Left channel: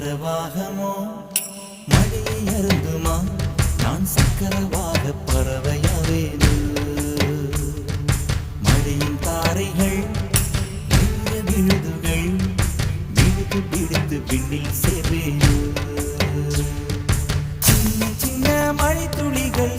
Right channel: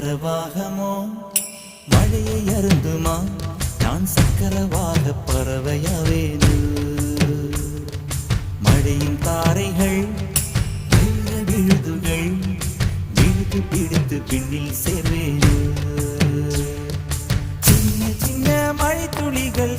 சக்கரவாகமோ மழையை அருந்துமா நான் சக்கரவாக பறவையாவேனு மழையின் தாரைகள் மெல்ல விழுதுகள் விழுது பிடித்து விண்ணில் சேர்வேனு சின்ன சின்ன மழை துளிகள்